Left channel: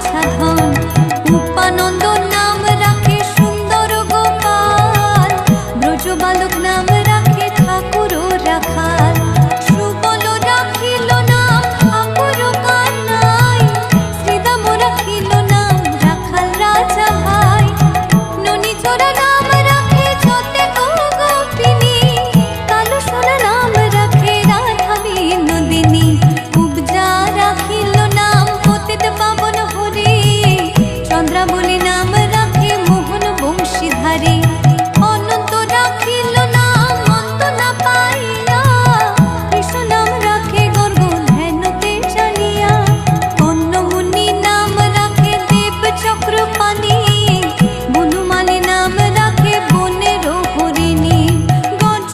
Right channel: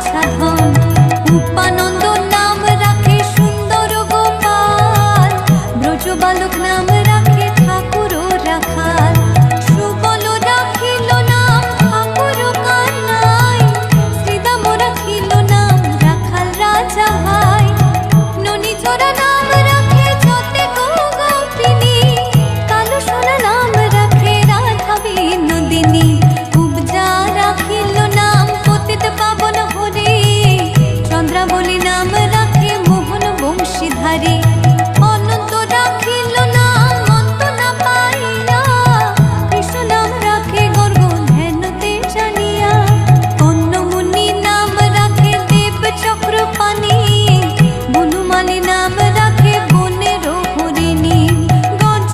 বাছা ধন। উপানন্দ নাম রাখে সুন্দর গোপাল, ব্রজ বালক নাম রাখে ঠাকুর রাখাল। সুবল রাখিল নাম ঠাকুর কানাই, শ্রীদাম রাখিল নাম রাখাল রাজা ভাই। ননী চোরা নাম রাখে যতে গোপিনী, কালো সোনা নাম রাখে রাধা বিনোদিনী। কুবজা রাখিল নাম পতিত পাবন হরি, চন্দ্রাবলী নাম রাখে মোহন বংশীধারী। অনন্ত রাখিল নাম